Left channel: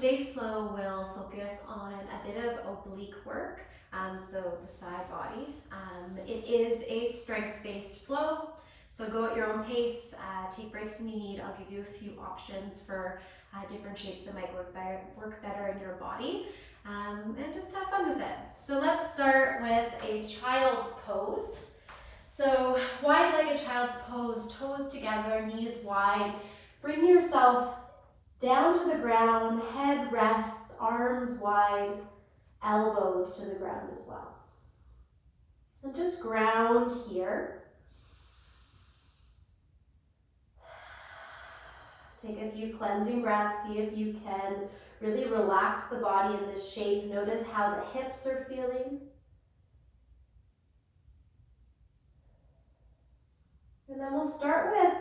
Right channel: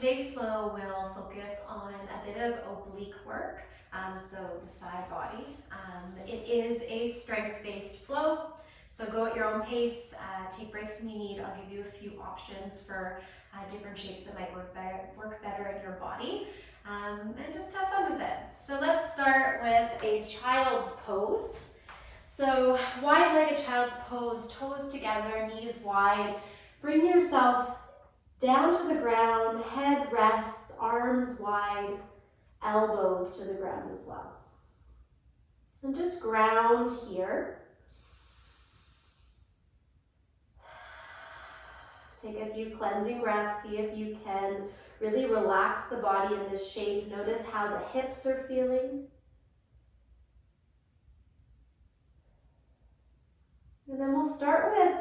Today's flow will focus on a bit of oblique work, so the side body. It is a strength-based flow, so go at your own pace, take breaks when you need. I'll give you a few options for different shapes that might work better in your body, and just have fun with it. So let's start with a child's pose. So wide-legged child's pose, toes together, knees wide. Bring yourself down to the ground, head rests, arms wide, elbows to the ground as well. And just ground here. Take a few cleansing breaths, see if you can really relax the body in this shape. Notice how the hips are feeling. And then we'll start with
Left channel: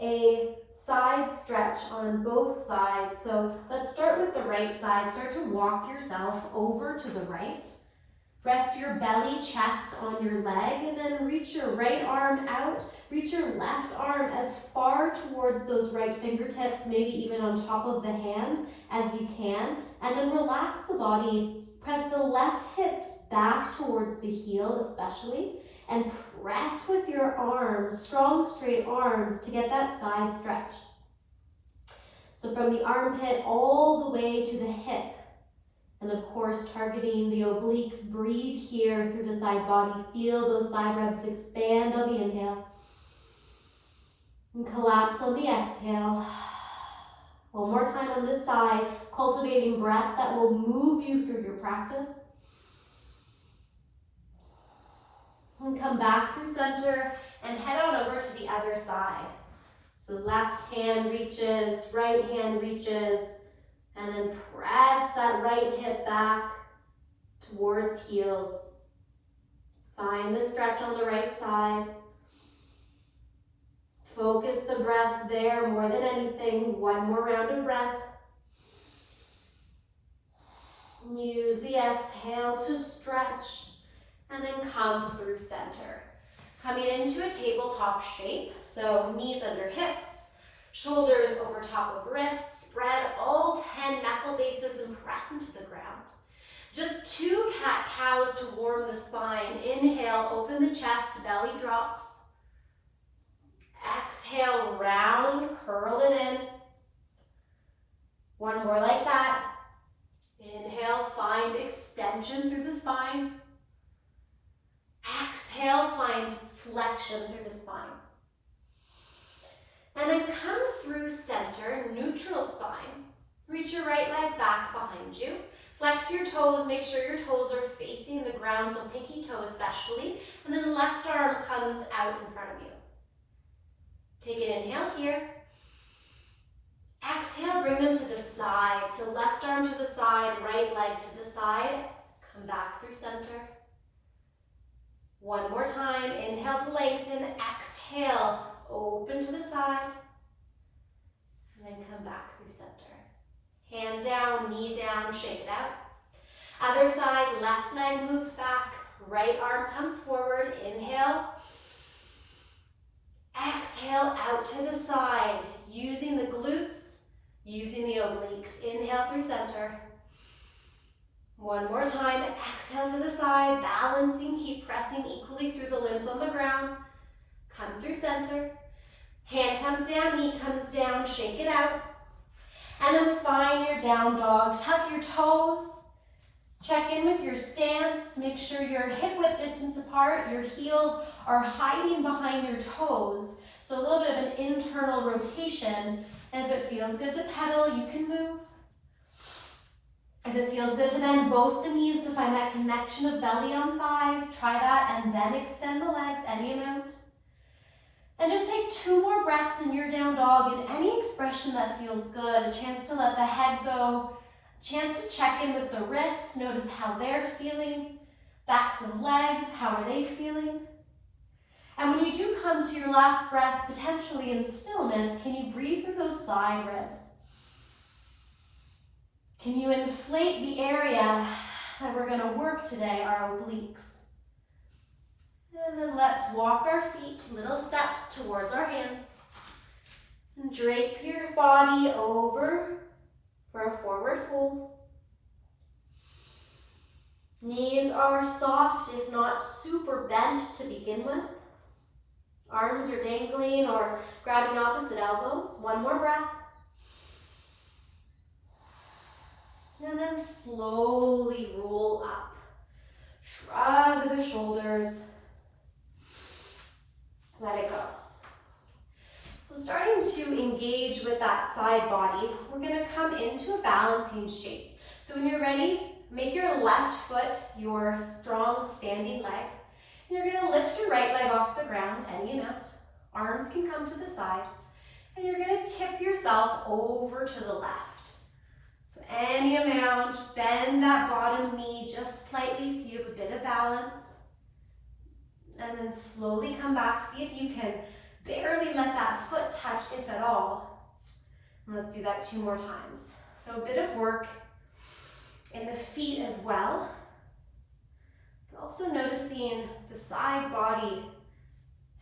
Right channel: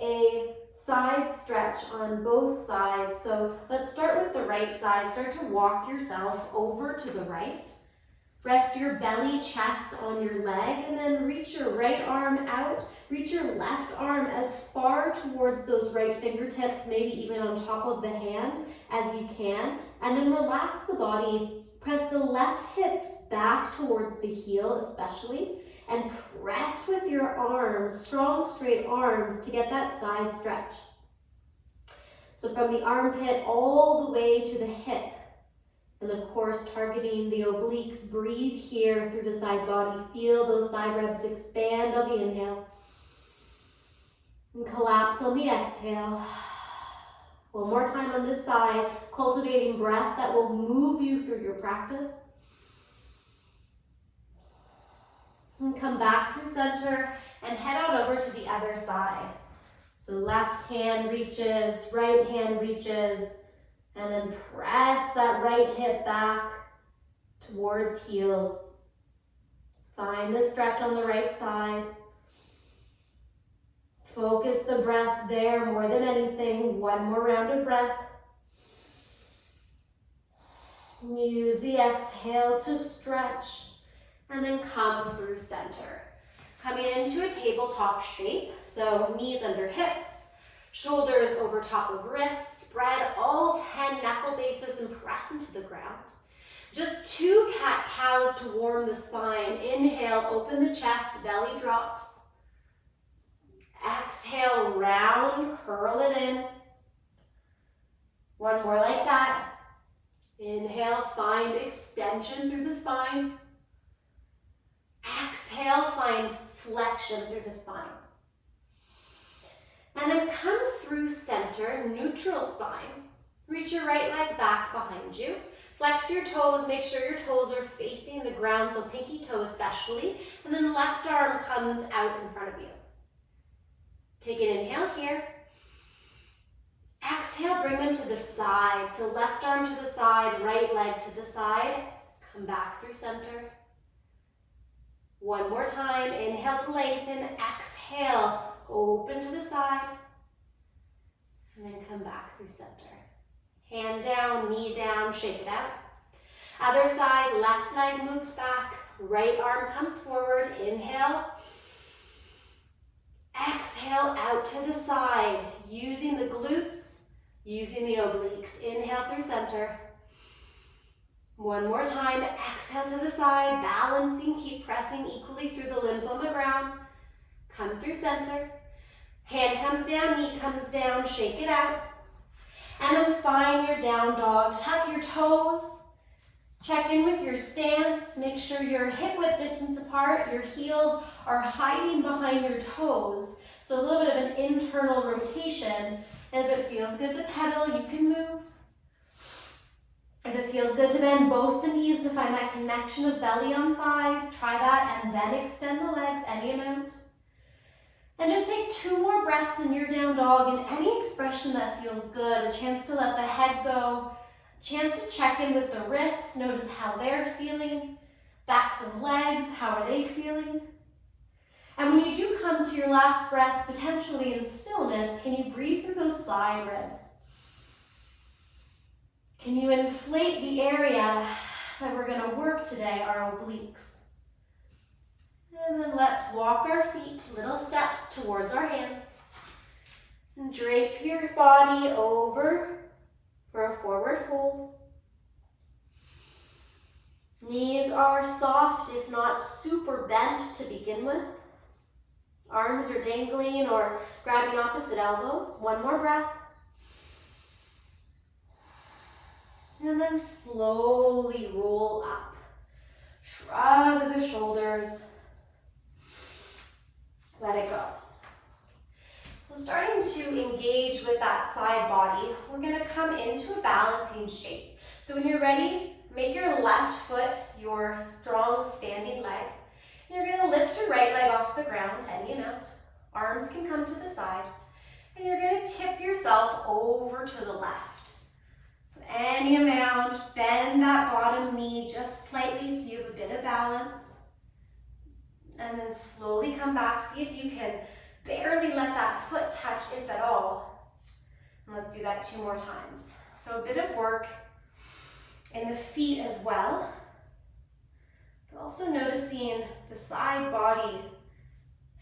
a side stretch on both sides. So let's start with the right side. Start to walk yourself over to the right. Rest your belly, chest on your leg, and then reach your right arm out. Reach your left arm as far towards those right fingertips, maybe even on top of the hand as you can. And then relax the body. Press the left hips back towards the heel especially. And press with your arms, strong straight arms, to get that side stretch. So from the armpit all the way to the hip. And of course, targeting the obliques. Breathe here through the side body. Feel those side ribs expand on the inhale. And collapse on the exhale. One more time on this side, cultivating breath that will move you through your practice. And come back through center and head on over to the other side. So left hand reaches, right hand reaches, and then press that right hip back towards heels. Find the stretch on the right side. Focus the breath there more than anything. One more round of breath. Use the exhale to stretch. And then come through center. Coming into a tabletop shape, so knees under hips, shoulders over top of wrists, spread all 10 knuckle bases and press into the ground. Just 2 cat-cows to warm the spine. Inhale, open the chest, belly drops. Exhale, round, curl it in. One more like that. Inhale, find extension through the spine. Exhale, find flexion through the spine. And then come through center, neutral spine. Reach your right leg back behind you. Flex your toes, make sure your toes are facing the ground, so pinky toe especially. And then the left arm comes out in front of you. Take an inhale here. Exhale, bring them to the side. So left arm to the side, right leg to the side. Come back through center. One more time, inhale to lengthen, exhale, open to the side, and then come back through center. Hand down, knee down, shake it out. Other side, left leg moves back, right arm comes forward, inhale. Exhale out to the side, using the glutes, using the obliques. Inhale through center. One more time, exhale to the side, balancing, keep pressing equally through the limbs on the ground. Come through center. Hand comes down, knee comes down, shake it out. And then find your down dog. Tuck your toes. Check in with your stance. Make sure you're hip width distance apart. Your heels are hiding behind your toes. So a little bit of an internal rotation. And if it feels good to pedal, you can move. If it feels good to bend both the knees to find that connection of belly on thighs, try that, and then extend the legs any amount. And just take 2 more breaths in your down dog in any expression that feels good. A chance to let the head go, a chance to check in with the wrists, notice how they're feeling, backs of legs, how are they feeling? And when you do come to your last breath, potentially in stillness, can you breathe through those side ribs? Can you inflate the area that we're going to work today, our obliques? And then let's walk our feet, little steps towards our hands. And drape your body over for a forward fold. are soft, if not super bent to begin with. Arms are dangling or grabbing opposite elbows. One more breath. And then slowly roll up. Shrug the shoulders. Let it go. So starting to engage with that side body, we're going to come into a balancing shape. So when you're ready, make your left foot your strong standing leg. And you're going to lift your right leg off the ground, any amount. Arms can come to the side. And you're going to tip yourself over to the left. So any amount, bend that bottom knee just slightly so you have a bit of balance. And then slowly come back. See if you can barely let that foot touch, if at all. And let's do that 2 more times. So a bit of work in the feet as well. But also noticing the side body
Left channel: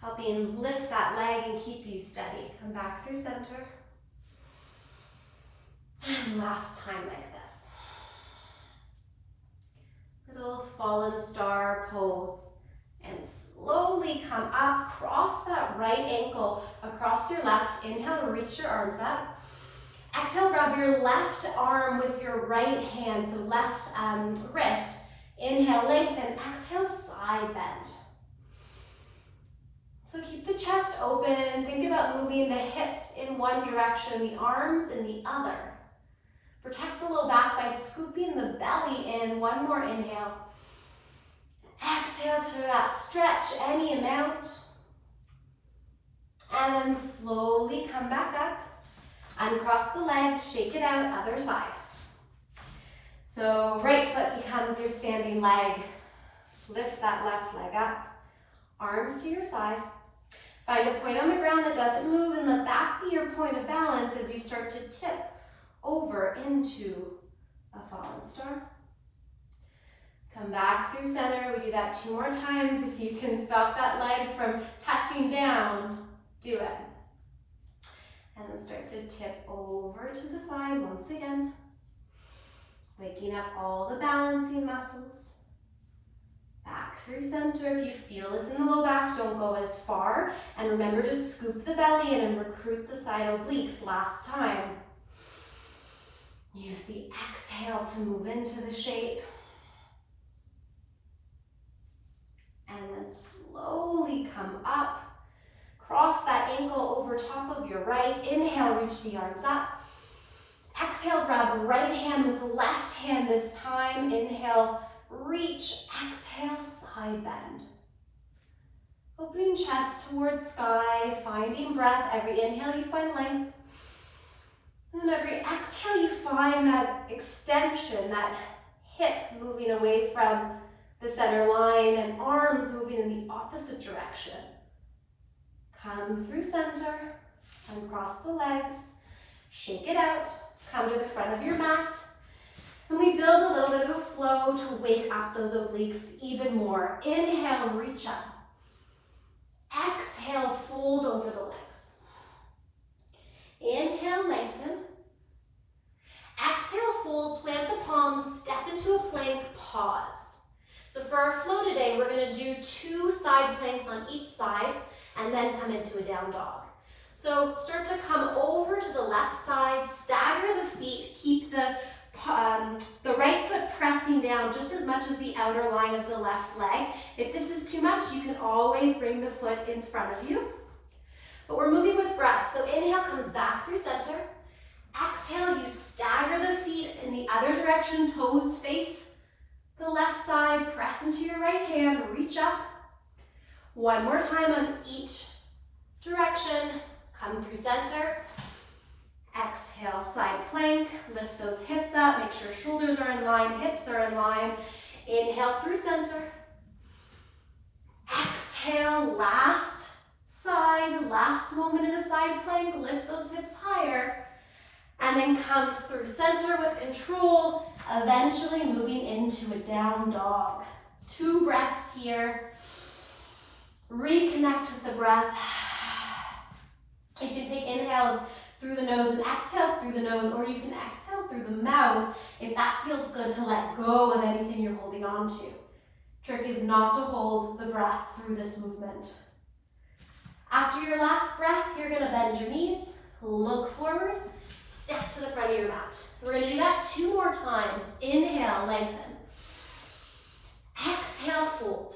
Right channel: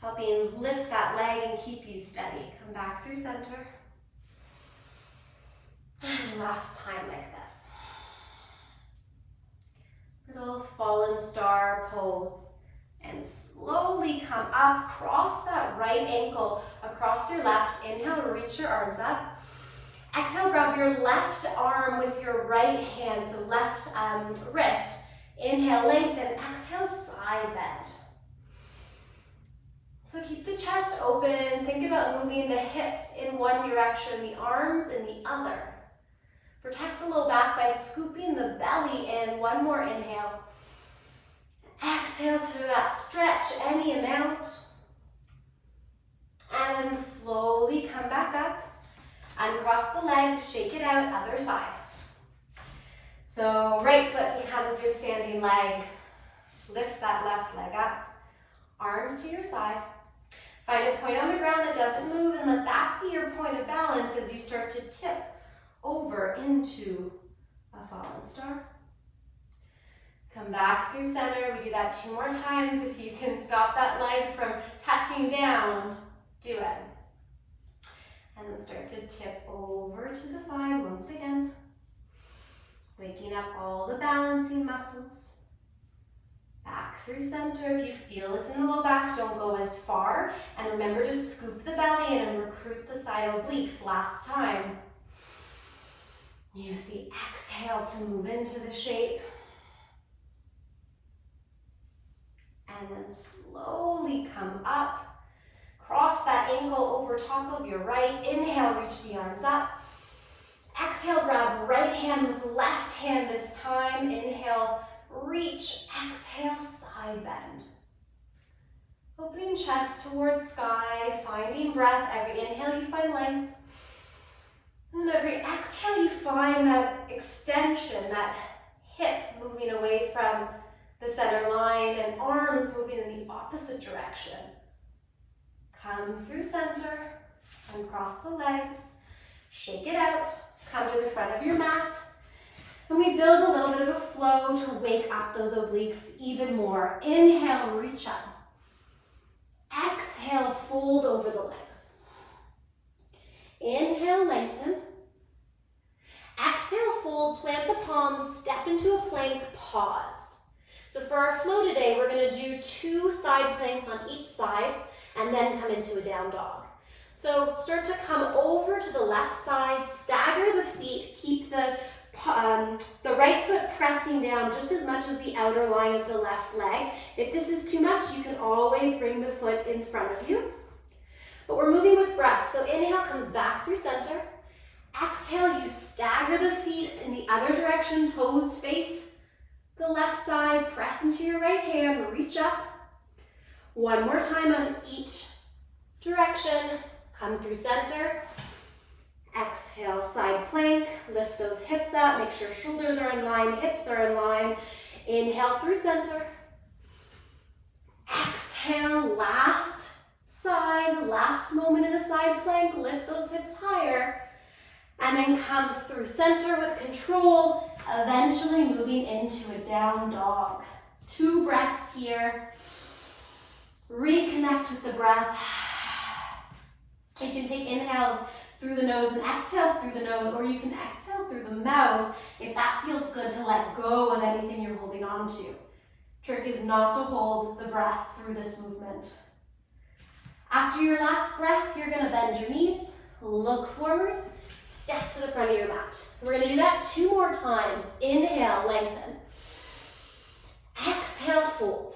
helping lift that leg and keep you steady. Come back through center. And last time like this. Little fallen star pose. And slowly come up, cross that right ankle across your left. Inhale, reach your arms up. Exhale, grab your left arm with your right hand, so left wrist. Inhale, lengthen. Exhale, side bend. So keep the chest open. Think about moving the hips in one direction, the arms in the other. Protect the low back by scooping the belly in. One more inhale. Exhale to that stretch, any amount. And then slowly come back up. Uncross the legs, shake it out, other side. So right foot becomes your standing leg. Lift that left leg up. Arms to your side. Find a point on the ground that doesn't move and let that be your point of balance as you start to tip over into a fallen star. Come back through center. We do that 2 more times. If you can stop that leg from touching down, do it. And then start to tip over to the side once again. Waking up all the balancing muscles. Back through center. If you feel this in the low back, don't go as far. And remember to scoop the belly in and recruit the side obliques last time. Use the exhale to move into the shape. And then slowly come up. Cross that ankle over top of your right. Inhale, reach the arms up. Exhale, grab right hand with left hand this time. Inhale, reach. Exhale, side bend. Opening chest towards sky, finding breath. Every inhale you find length. And then every exhale you find that extension, that hip moving away from the center line and arms moving in the opposite direction. Come through center and cross the legs. Shake it out. Come to the front of your mat. And we build a little bit of a flow to wake up those obliques even more. Inhale, reach up. Exhale, fold over the legs. Inhale, lengthen. Exhale, fold, plant the palms, step into a plank, pause. So for our flow today, we're going to do 2 side planks on each side and then come into a down dog. So start to come over to the left side, stagger the feet, keep the right foot pressing down just as much as the outer line of the left leg. If this is too much, you can always bring the foot in front of you. But we're moving with breath. So inhale comes back through center. Exhale, you stagger the feet in the other direction, toes face the left side, press into your right hand, reach up. One more time on each direction. Come through center. Exhale, side plank. Lift those hips up. Make sure shoulders are in line, hips are in line. Inhale through center. Exhale, last side, last moment in a side plank. Lift those hips higher. And then come through center with control, eventually moving into a down dog. 2 breaths here. Reconnect with the breath. You can take inhales through the nose and exhales through the nose, or you can exhale through the mouth if that feels good to let go of anything you're holding on to. Trick is not to hold the breath through this movement. After your last breath, you're gonna bend your knees, look forward, step to the front of your mat. We're gonna do that 2 more times. Inhale, lengthen. Exhale, fold.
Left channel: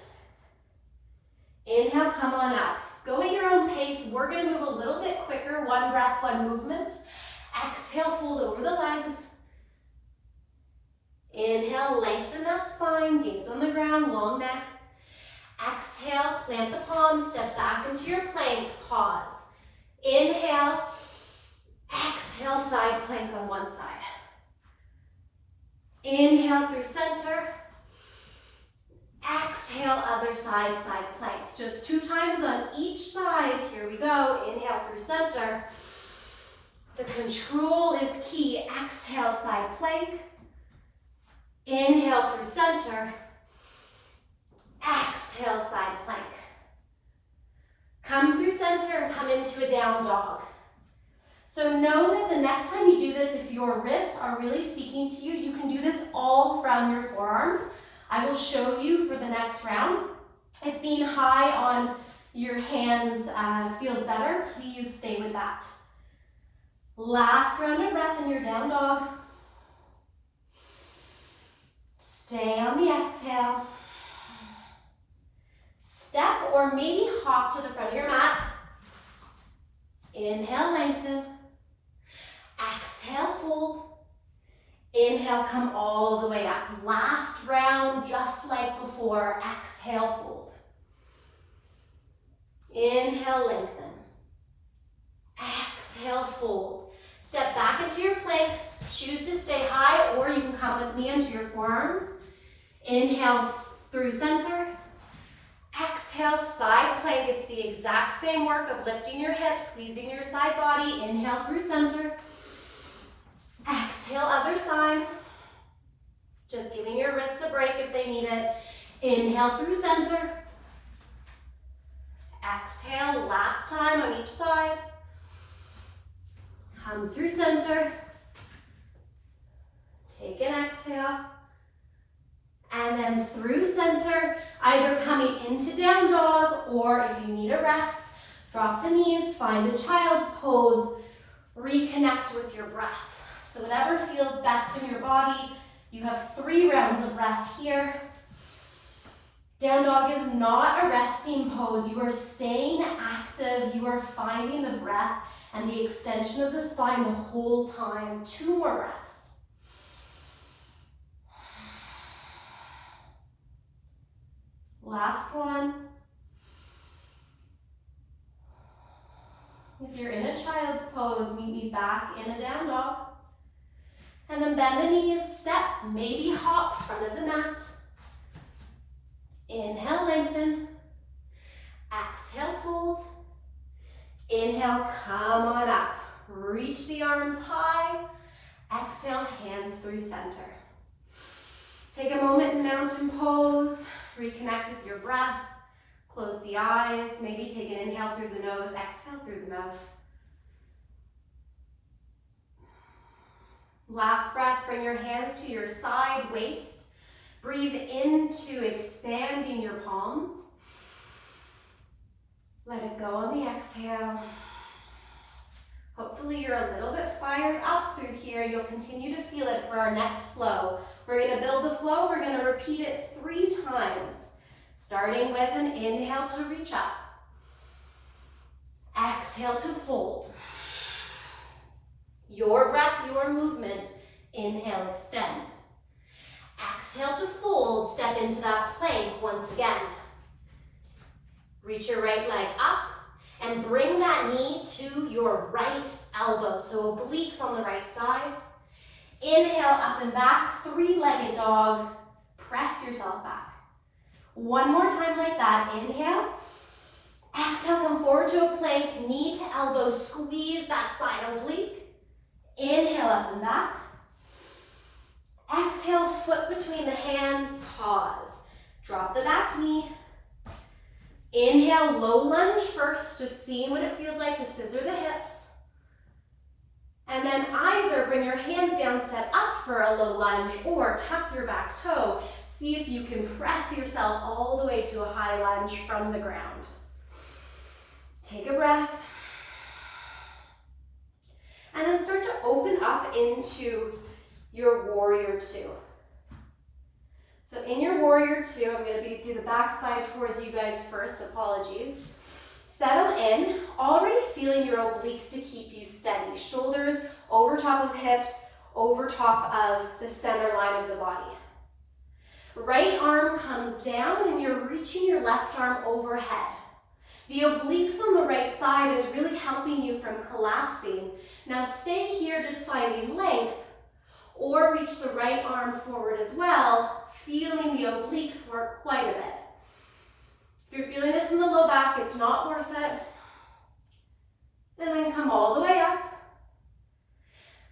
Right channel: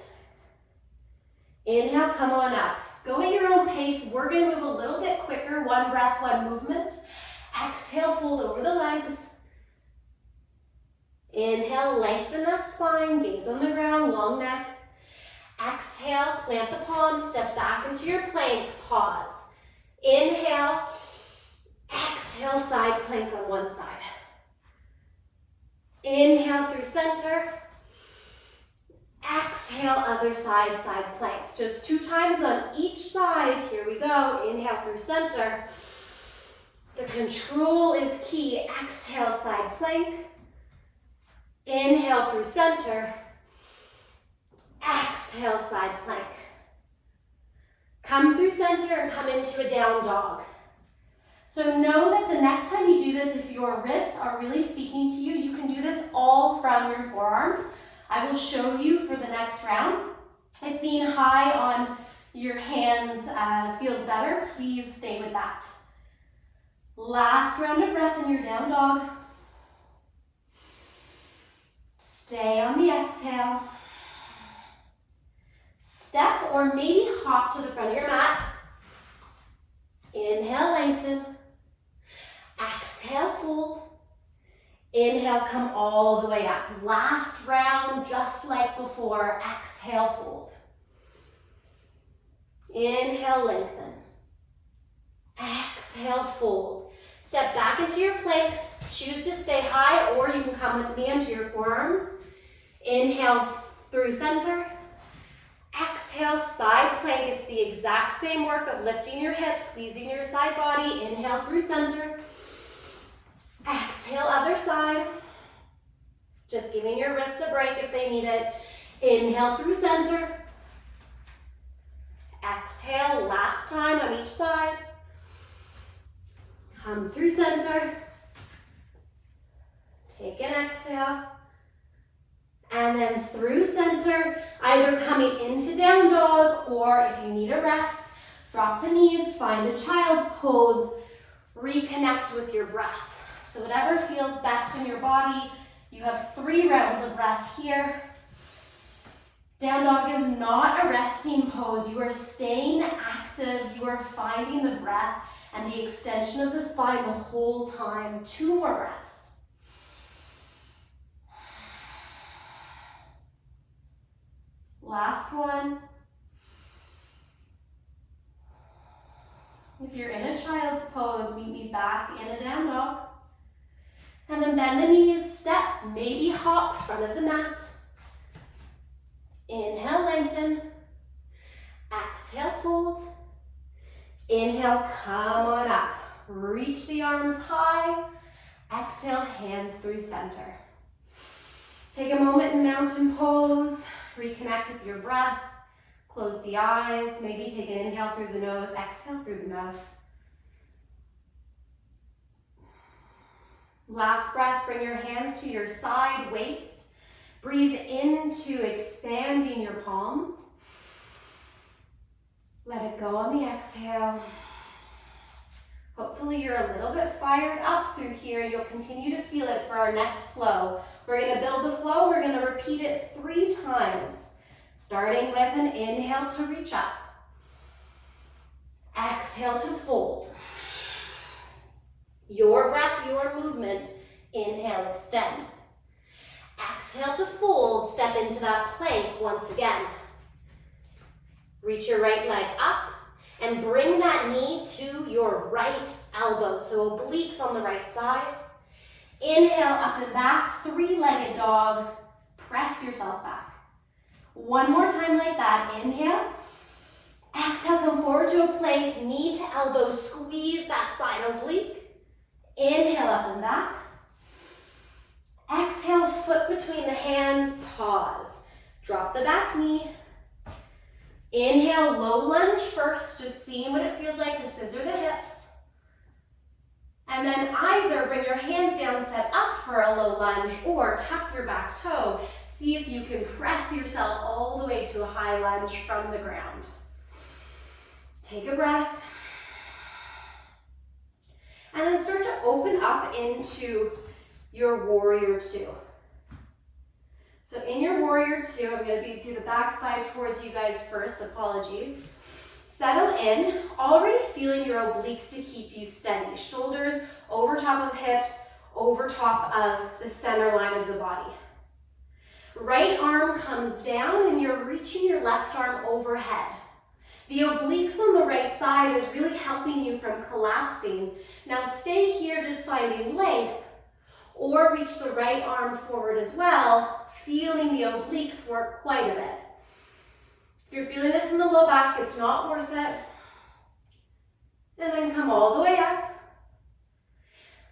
Inhale, come on up. Go at your own pace. We're gonna move a little bit quicker. 1 breath, 1 movement. Exhale, fold over the legs. Inhale, lengthen that spine, gaze on the ground, long neck. Exhale, plant the palms, step back into your plank, pause. Inhale, exhale, side plank on one side. Inhale through center. Exhale, other side, side plank. Just 2 times on each side. Here we go. Inhale through center. The control is key. Exhale, side plank. Inhale through center. Exhale, side plank. Come through center and come into a down dog. So know that the next time you do this, if your wrists are really speaking to you, you can do this all from your forearms. I will show you for the next round. If being high on your hands feels better, please stay with that. Last round of breath in your down dog. Stay on the exhale. Step or maybe hop to the front of your mat. Inhale, lengthen. Exhale, fold. Inhale, come all the way up. Last round, just like before. Exhale, fold. Inhale, lengthen. Exhale, fold. Step back into your planks. Choose to stay high, or you can come with me into your forearms. Inhale through center. Exhale, side plank. It's the exact same work of lifting your hips, squeezing your side body. Inhale through center. Exhale, other side. Just giving your wrists a break if they need it. Inhale through center. Exhale, last time on each side. Come through center. Take an exhale. And then through center, either coming into down dog, or if you need a rest, drop the knees, find a child's pose, reconnect with your breath. So whatever feels best in your body. You have 3 rounds of breath here. Down dog is not a resting pose. You are staying active. You are finding the breath and the extension of the spine the whole time. 2 more breaths. Last one. If you're in a child's pose, meet me back in a down dog. And then bend the knees, step, maybe hop, front of the mat. Inhale, lengthen. Exhale, fold. Inhale, come on up. Reach the arms high. Exhale, hands through center. Take a moment in mountain pose. Reconnect with your breath. Close the eyes. Maybe take an inhale through the nose, exhale through the mouth. Last breath, bring your hands to your side waist. Breathe into expanding your palms. Let it go on the exhale. Hopefully you're a little bit fired up through here. You'll continue to feel it for our next flow. We're going to build the flow. We're going to repeat it 3 times, starting with an inhale to reach up. Exhale to fold. Your breath, your movement. Inhale, extend. Exhale to fold. Step into that plank once again. Reach your right leg up and bring that knee to your right elbow. So obliques on the right side. Inhale, up and back, 3-legged dog. Press yourself back. 1 more time like that. Inhale. Exhale, come forward to a plank, knee to elbow, squeeze that side oblique. Inhale, up and back. Exhale, foot between the hands, pause. Drop the back knee. Inhale, low lunge first, just seeing what it feels like to scissor the hips. And then either bring your hands down, set up for a low lunge, or tuck your back toe. See if you can press yourself all the way to a high lunge from the ground. Take a breath. And then start to open up into your warrior two. So in your warrior two, I'm going to do the back side towards you guys first, apologies. Settle in, already feeling your obliques to keep you steady. Shoulders over top of hips, over top of the center line of the body. Right arm comes down and you're reaching your left arm overhead. The obliques on the right side is really helping you from collapsing. Now stay here just finding length, or reach the right arm forward as well, feeling the obliques work quite a bit. If you're feeling this in the low back, it's not worth it. And then come all the way up.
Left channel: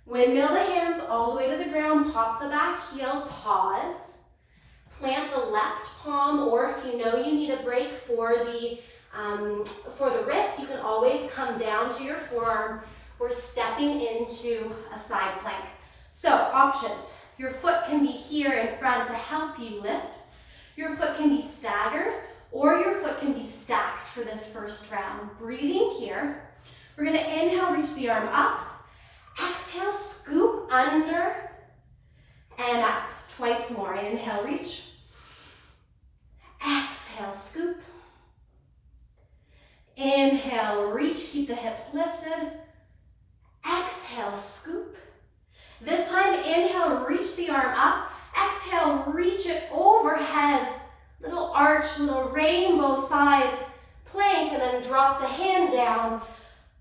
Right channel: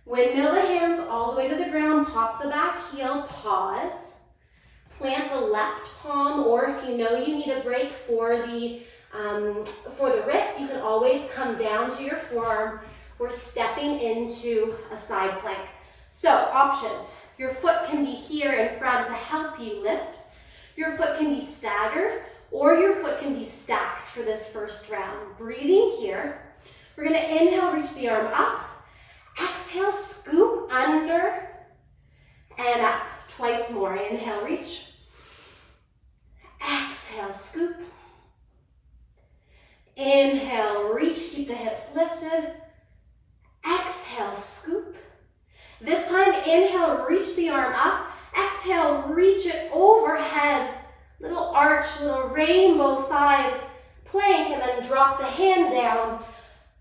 Windmill the hands all the way to the ground, pop the back heel, pause. Plant the left palm, or if you know you need a break for the wrist, you can always come down to your forearm. We're stepping into a side plank. So options, your foot can be here in front to help you lift. Your foot can be staggered, or your foot can be stacked for this first round. Breathing here. We're gonna inhale, reach the arm up. Exhale, scoop under and up. Twice more. Inhale, reach. Exhale, scoop. Inhale, reach, keep the hips lifted. Exhale, scoop. This time, inhale, reach the arm up. Exhale, reach it overhead. Little arch, little rainbow side plank, and then drop the hand down.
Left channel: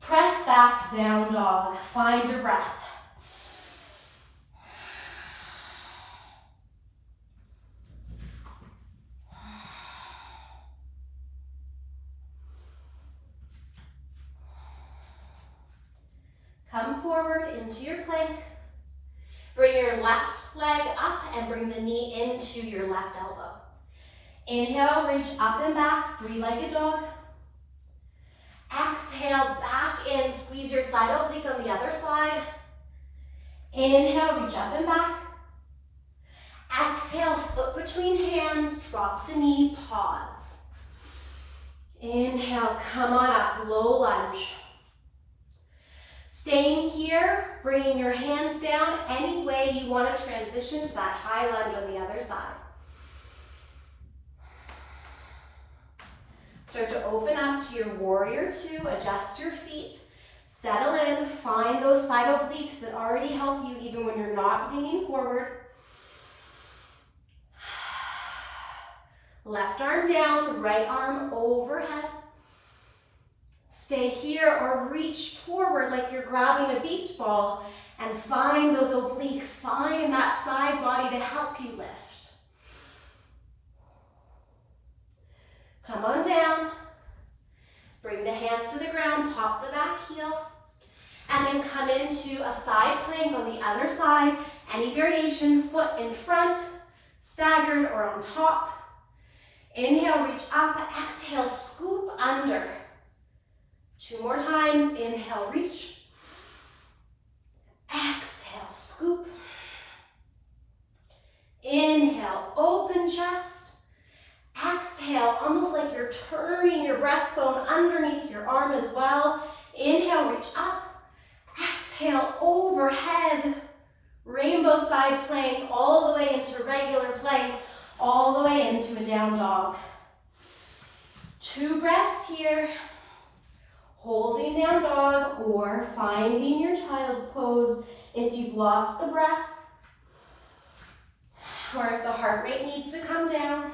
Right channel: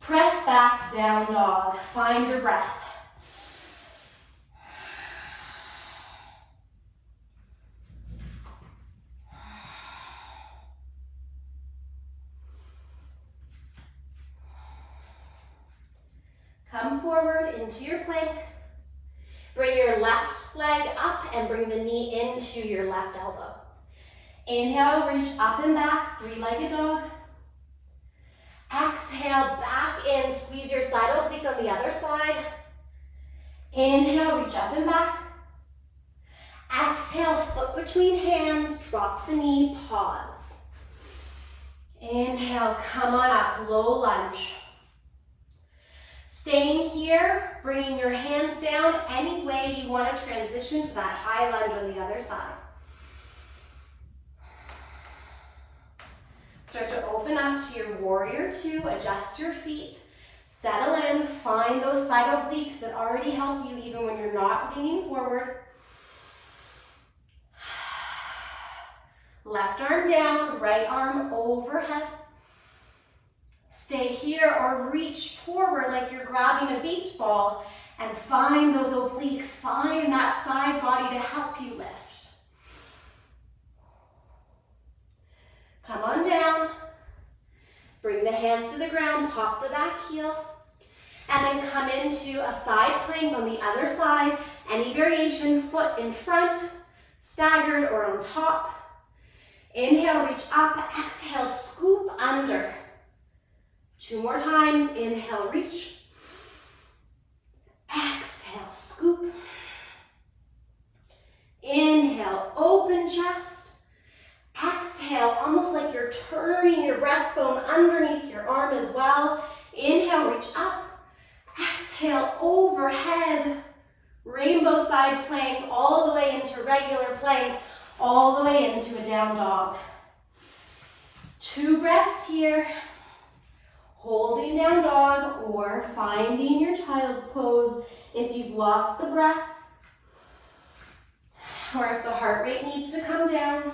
Press back, down dog. Find your breath. Come forward into your plank. Bring your left leg up and bring the knee into your left elbow. Inhale, reach up and back, three-legged dog. Exhale, back in, squeeze your side oblique on the other side. Inhale, reach up and back. Exhale, foot between hands, drop the knee, pause. Inhale, come on up, low lunge. Staying here, bringing your hands down any way you want to transition to that high lunge on the other side. Start to open up to your warrior two, adjust your feet, settle in, find those side obliques that already help you even when you're not leaning forward. Left arm down, right arm overhead. Stay here or reach forward like you're grabbing a beach ball and find those obliques, find that side body to help you lift. Come on down, bring the hands to the ground, pop the back heel, and then come into a side plank on the other side. Any variation, foot in front, staggered or on top. Inhale, reach up, exhale, scoop under. Two more times, inhale, reach. Exhale, scoop. Inhale, open chest. Exhale, almost like you're turning your breastbone underneath your arm as well. Inhale, reach up. Exhale, overhead. Rainbow side plank, all the way into regular plank, all the way into a down dog. 2 breaths here. Holding down dog or finding your child's pose if you've lost the breath or if the heart rate needs to come down.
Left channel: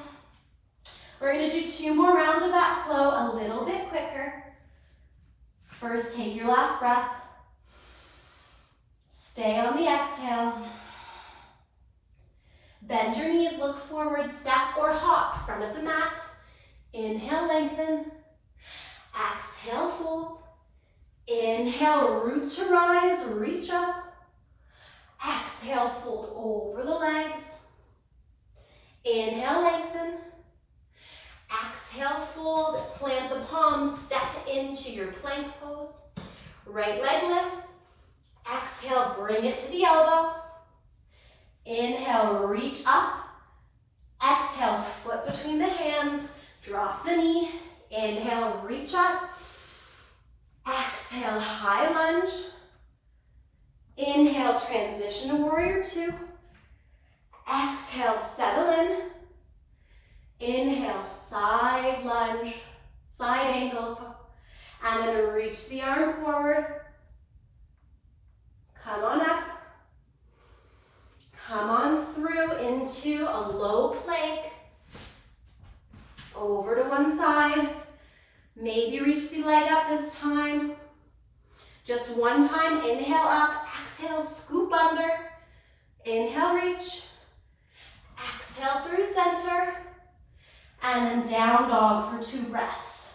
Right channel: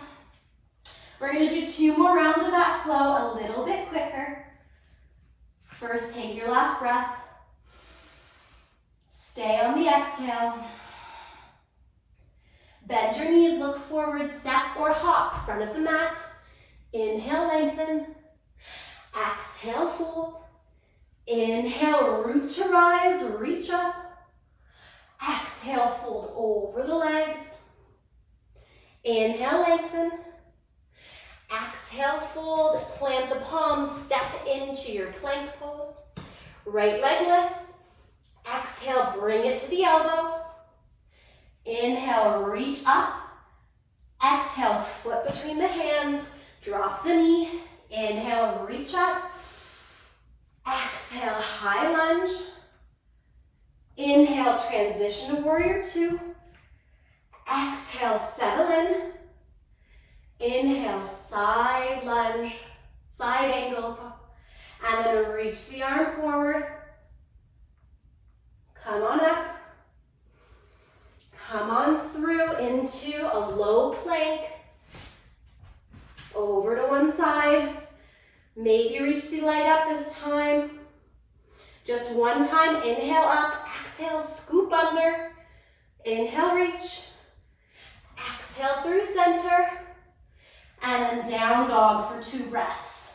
We're going to do 2 more rounds of that flow a little bit quicker. First, take your last breath. Stay on the exhale. Bend your knees, look forward, step or hop, front of the mat. Inhale, lengthen. Exhale, fold. Inhale, root to rise, reach up. Exhale, fold over the legs. Inhale, lengthen. Exhale, fold, plant the palms, step into your plank pose. Right leg lifts. Exhale, bring it to the elbow. Inhale, reach up. foot between the hands, drop the knee, inhale, reach up, exhale, high lunge, inhale, transition to warrior two, exhale, settle in, inhale, side lunge, side angle, and then reach the arm forward, come on up, come on through into a low plank, over to one side, maybe reach the leg up this time, just one time, inhale up, exhale, scoop under, inhale, reach, exhale through center, and then down dog for 2 breaths.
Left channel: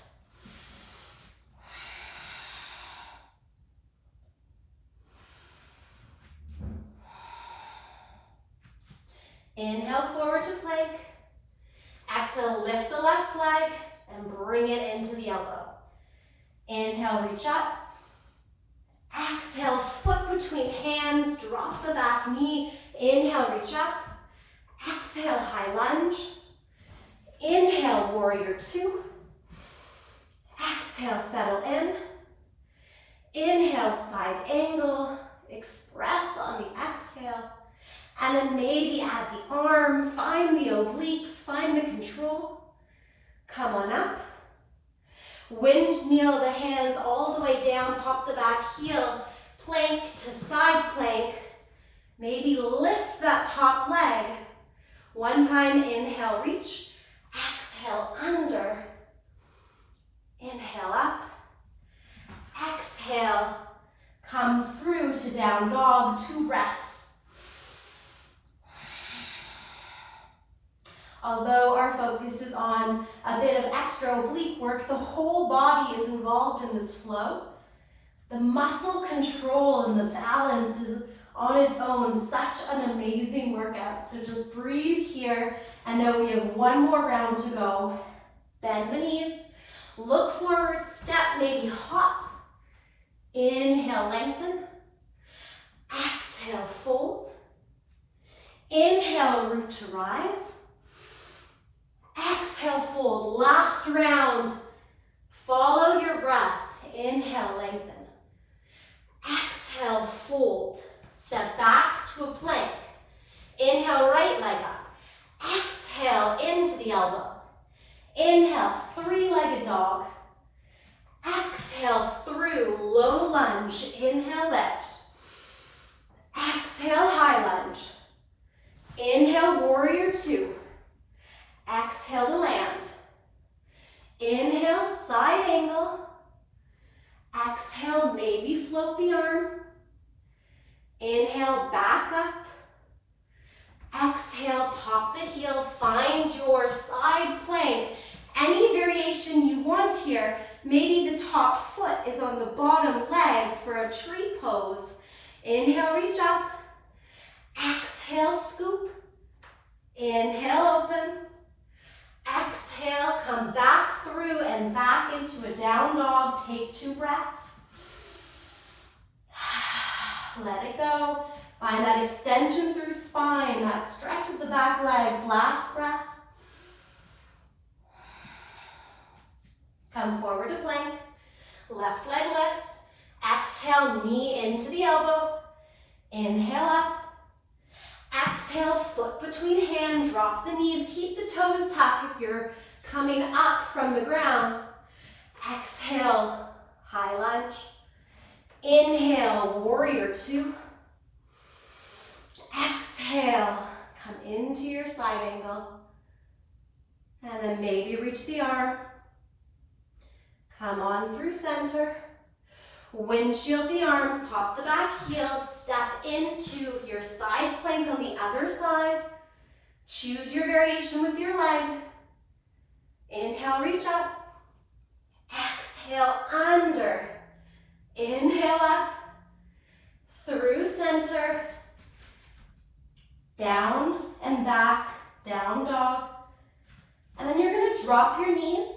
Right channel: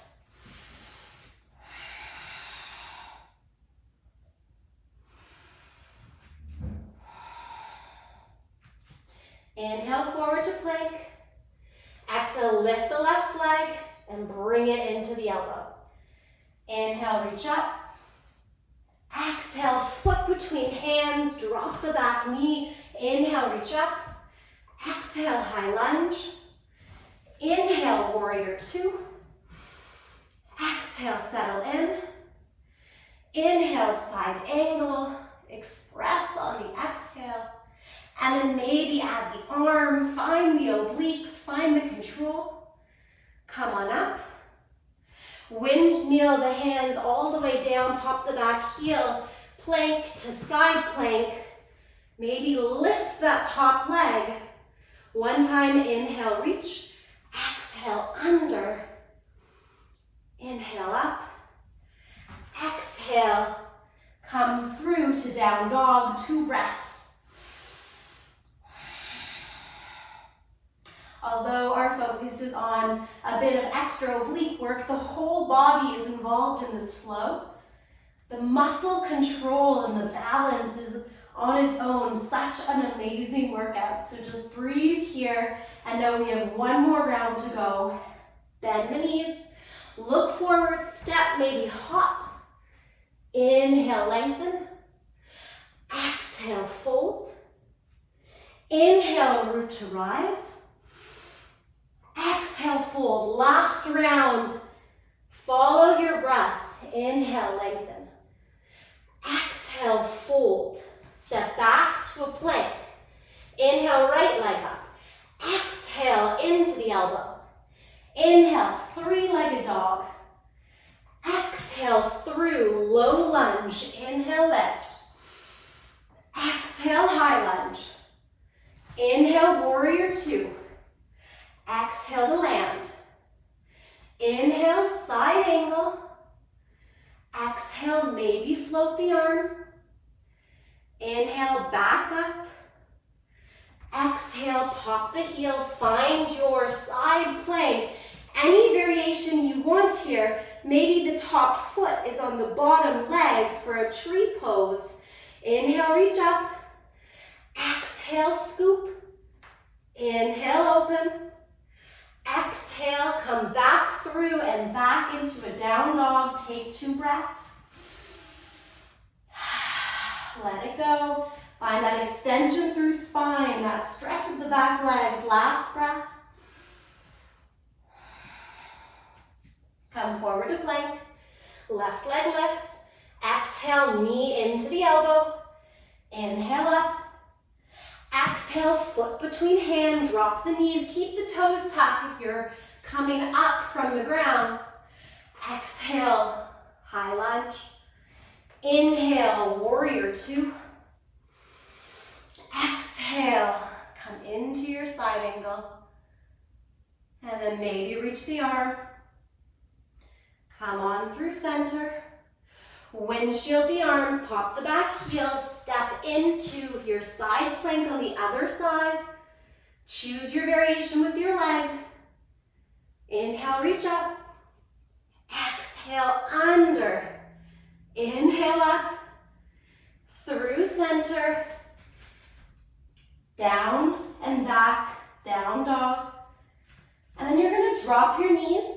Inhale forward to plank. Exhale, lift the left leg and bring it into the elbow. Inhale, reach up. Exhale, foot between hands, drop the back knee. Inhale, reach up. Exhale, high lunge. Inhale, warrior two. Exhale, settle in. Inhale, side angle. Express on the exhale. And then maybe add the arm, find the obliques, find the control. Come on up. Windmill the hands all the way down, pop the back heel, plank to side plank. Maybe lift that top leg. One time, inhale, reach. Exhale, under. Inhale, up. Exhale, come through to down dog, 2 breaths. Although our focus is on a bit of extra oblique work, the whole body is involved in this flow. The muscle control and the balance is on its own such an amazing workout. So just breathe here and know we have 1 more round to go. Bend the knees, look forward, step, maybe hop. Inhale, lengthen. Exhale, fold. Inhale, root to rise. Exhale, fold. Last round. Follow your breath. Inhale, lengthen. Exhale, fold. Step back to a plank. Inhale, right leg up. Exhale, into the elbow. Inhale, 3-legged dog. Exhale, through, low lunge. Inhale, lift. Exhale, high lunge. Inhale, warrior two. Exhale to land. Inhale, side angle. Exhale, maybe float the arm. Inhale, back up. Exhale, pop the heel. Find your side plank. Any variation you want here. Maybe the top foot is on the bottom leg for a tree pose. Inhale, reach up. Exhale, scoop. Inhale, open. Exhale, come back through and back into a down dog. Take 2 breaths. Let it go. Find that extension through spine, that stretch of the back legs. Last breath. Come forward to plank. Left leg lifts. Exhale, knee into the elbow. Inhale up. Exhale, foot between hands, drop the knees, keep the toes tucked if you're coming up from the ground. Exhale, high lunge. Inhale, warrior two. Exhale, come into your side angle. And then maybe reach the arm. Come on through center. Windshield the arms, pop the back heel, step into your side plank on the other side. Choose your variation with your leg. Inhale, reach up. Exhale, under. Inhale up. Through center. Down and back, down dog. And then you're going to drop your knees.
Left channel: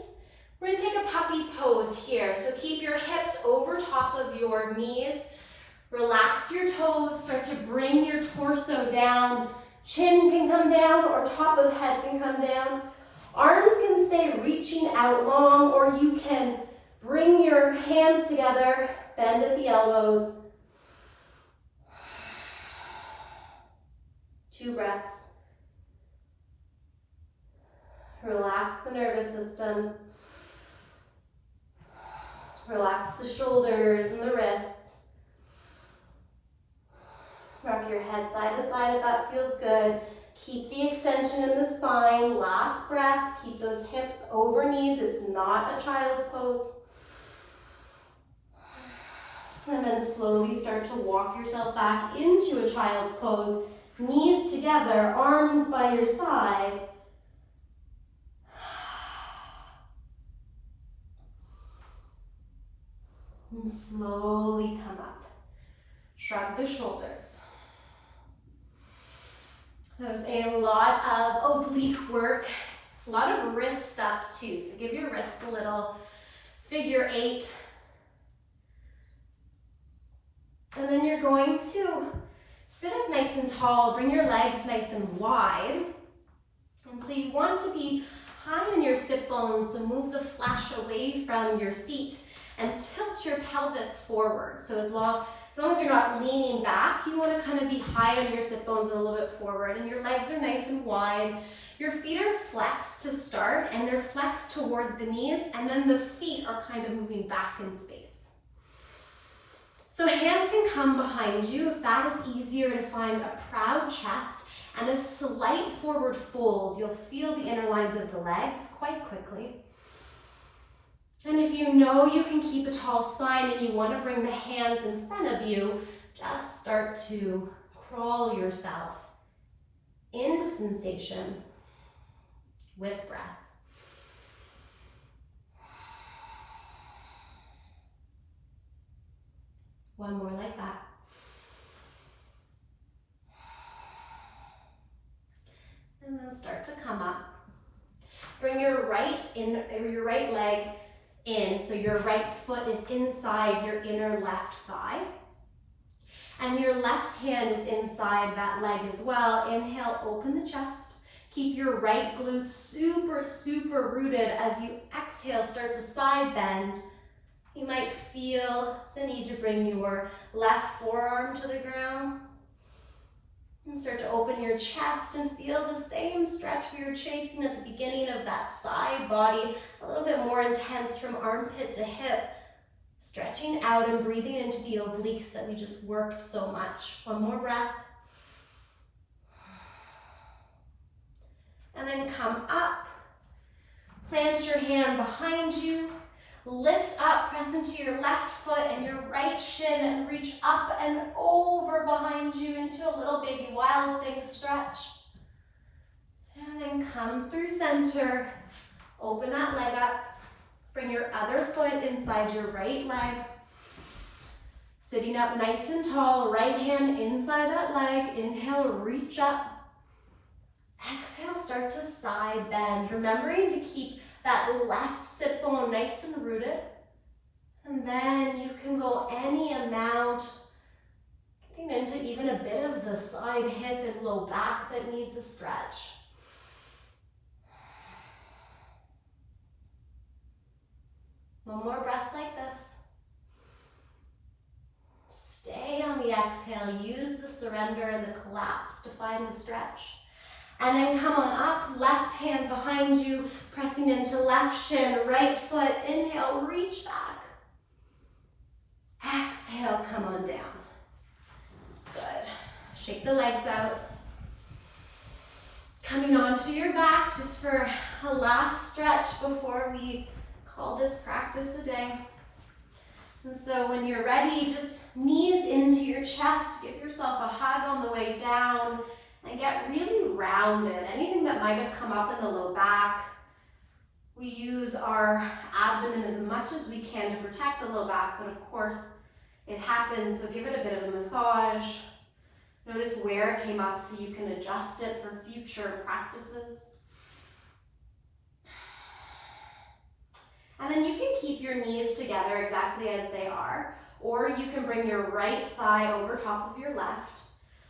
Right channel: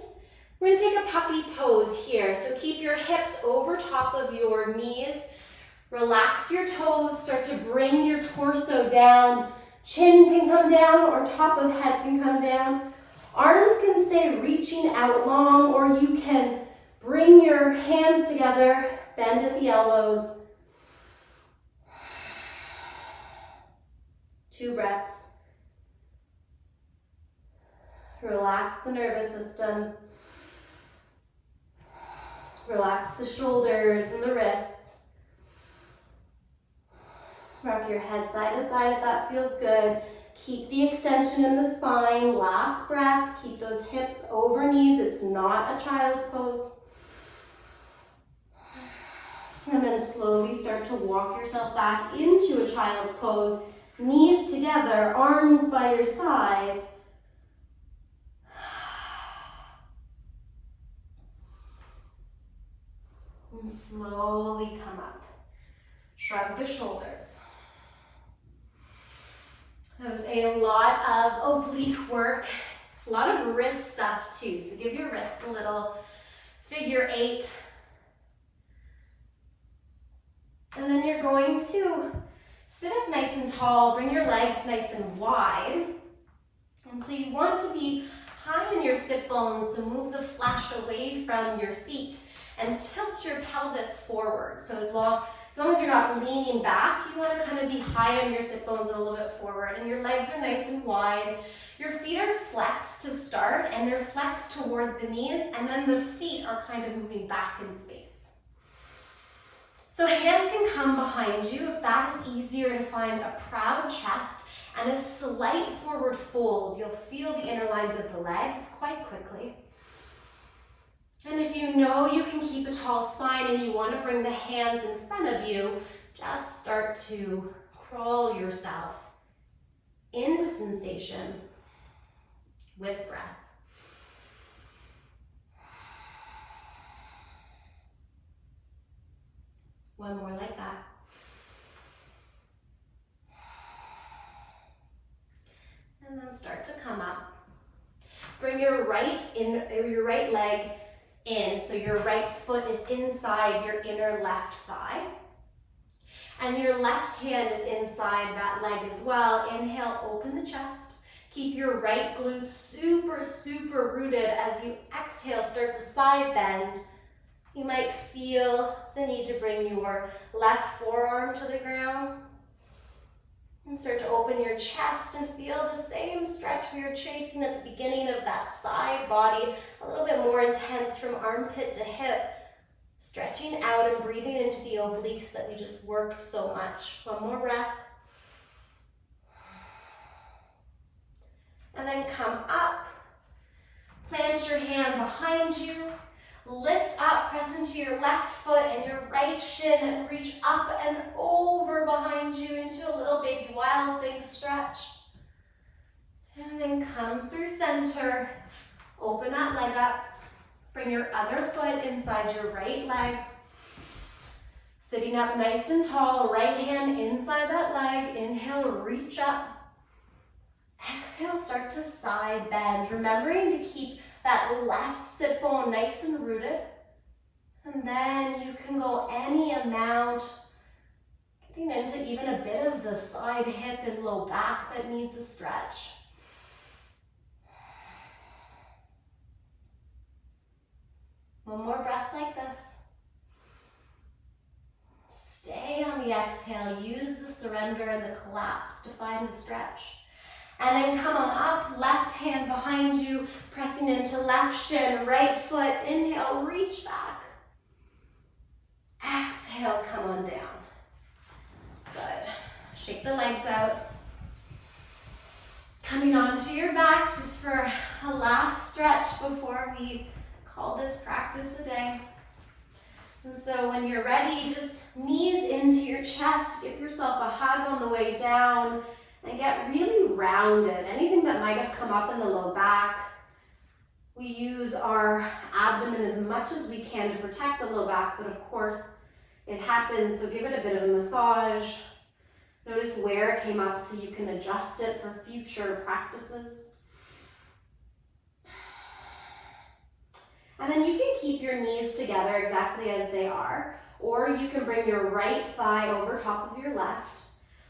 We're going to take a puppy pose here. So keep your hips over top of your knees. Relax your toes. Start to bring your torso down. Chin can come down or top of head can come down. Arms can stay reaching out long, or you can bring your hands together, bend at the elbows. 2 breaths. Relax the nervous system. Relax the shoulders and the wrists. Rock your head side to side if that feels good. Keep the extension in the spine. Last breath. Keep those hips over knees. It's not a child's pose. And then slowly start to walk yourself back into a child's pose. Knees together, arms by your side. And slowly come up. Shrug the shoulders. That was a lot of oblique work, a lot of wrist stuff too. So give your wrists a little figure 8. And then you're going to sit up nice and tall, bring your legs nice and wide. And so you want to be high on your sit bones, so move the flesh away from your seat and tilt your pelvis forward. So as long as you're not leaning back, you want to kind of be high on your sit bones and a little bit forward. And your legs are nice and wide. Your feet are flexed to start, and they're flexed towards the knees, and then the feet are kind of moving back in space. So hands can come behind you if that is easier to find a proud chest and a slight forward fold. You'll feel the inner lines of the legs quite quickly. And if you know you can keep a tall spine and you want to bring the hands in front of you, just start to crawl yourself into sensation with breath. One more like that. And then start to come up. Bring your right leg in, so your right foot is inside your inner left thigh. And your left hand is inside that leg as well. Inhale, open the chest. Keep your right glute super, super rooted. As you exhale, start to side bend. You might feel the need to bring your left forearm to the ground. And start to open your chest and feel the same stretch we were chasing at the beginning of that side body, a little bit more intense from armpit to hip. Stretching out and breathing into the obliques that we just worked so much. One more breath. And then come up. Plant your hand behind you. Lift up, press into your left foot and your right shin and reach up and over behind you into a little baby wild thing stretch. And then come through center. Open that leg up. Bring your other foot inside your right leg. Sitting up nice and tall, right hand inside that leg. Inhale, reach up. Exhale, start to side bend. Remembering to keep that left sit bone nice and rooted. And then you can go any amount, getting into even a bit of the side hip and low back that needs a stretch. One more breath like this. Stay on the exhale. Use the surrender and the collapse to find the stretch. And then come on up, left hand behind you, pressing into left shin, right foot. Inhale, reach back. Exhale, come on down. Good. Shake the legs out. Coming onto your back just for a last stretch before we call this practice a day. And so when you're ready, just knees into your chest. Give yourself a hug on the way down. And get really rounded. Anything that might have come up in the low back. We use our abdomen as much as we can to protect the low back, but of course it happens, so give it a bit of a massage. Notice where it came up so you can adjust it for future practices. And then you can keep your knees together exactly as they are, or you can bring your right thigh over top of your left.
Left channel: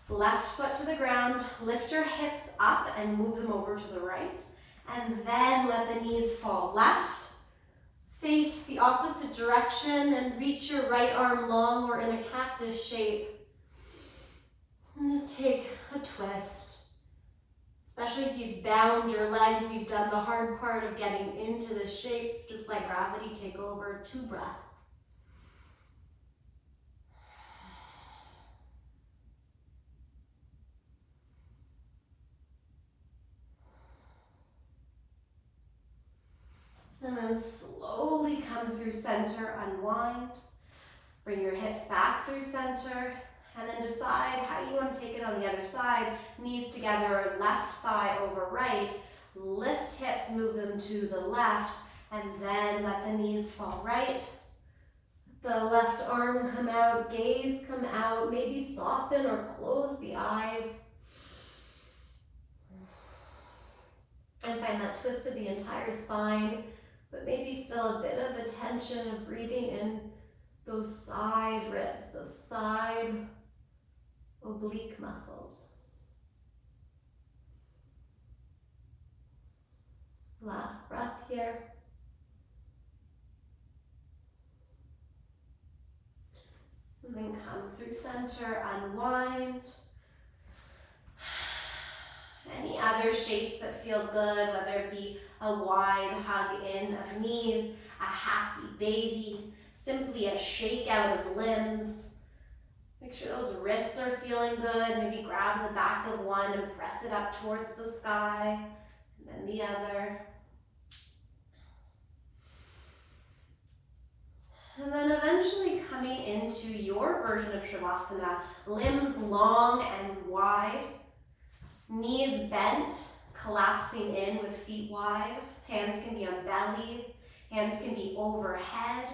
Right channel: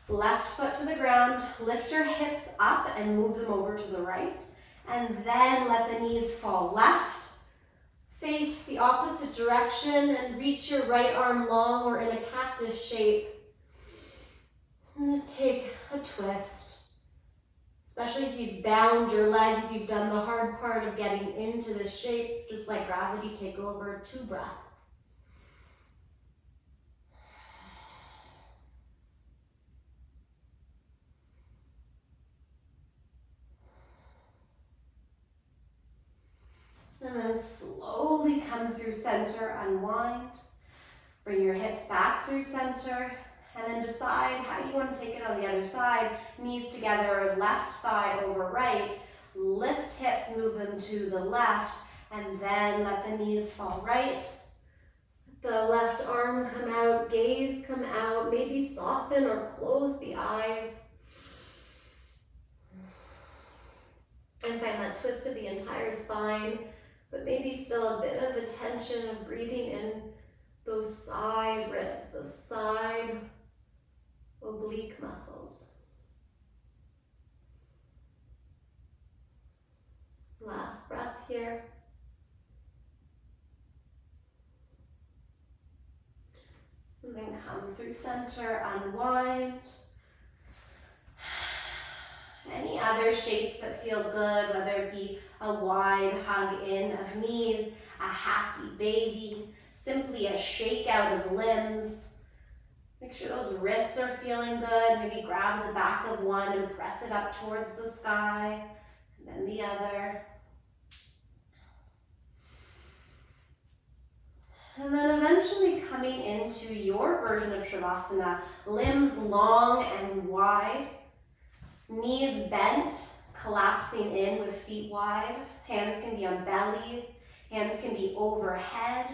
Left foot to the ground, lift your hips up and move them over to the right. And then let the knees fall left. Face the opposite direction and reach your right arm long or in a cactus shape. And just take a twist. Especially if you've bound your legs, you've done the hard part of getting into the shapes. Just let gravity take over. 2 breaths. And then slowly come through center, unwind. Bring your hips back through center. And then decide how you want to take it on the other side. Knees together, left thigh over right. Lift hips, move them to the left. And then let the knees fall right. The left arm come out, gaze come out. Maybe soften or close the eyes. And find that twist of the entire spine. But maybe still a bit of a tension of breathing in those side ribs, those side oblique muscles. Last breath here. And then come through center, unwind. Any other shapes that feel good, whether it be a wide hug in of knees, a happy baby, simply a shake out of limbs. Make sure those wrists are feeling good. Maybe grab the back of one and press it up towards the sky, and then the other. And then eventually coming into your version of Shavasana, limbs long and wide, knees bent, collapsing in with feet wide. Hands can be on belly, hands can be overhead.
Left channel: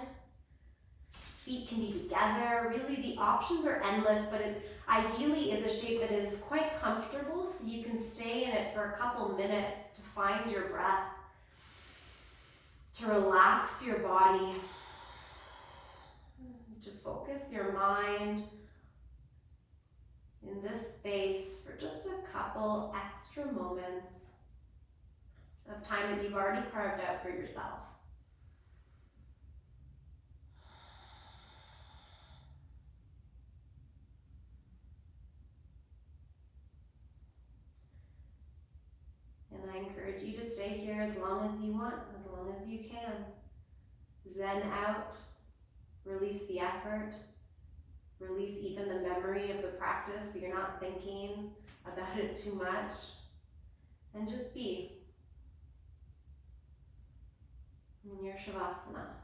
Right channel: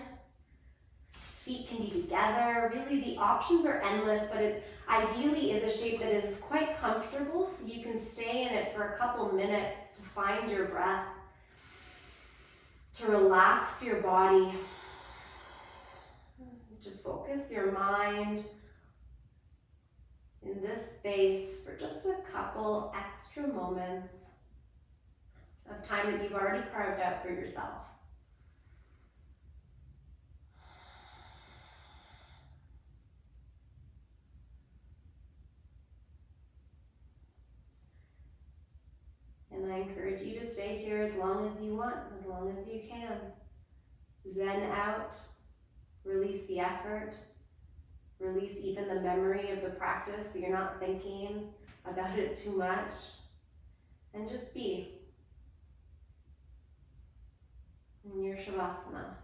Feet can be together. Really, the options are endless, but it ideally is a shape that is quite comfortable, so you can stay in it for a couple minutes to find your breath, to relax your body, to focus your mind in this space for just a couple extra moments of time that you've already carved out for yourself. And I encourage you to stay here as long as you want, as long as you can. Zen out, release the effort, release even the memory of the practice so you're not thinking about it too much, and just be in your Shavasana.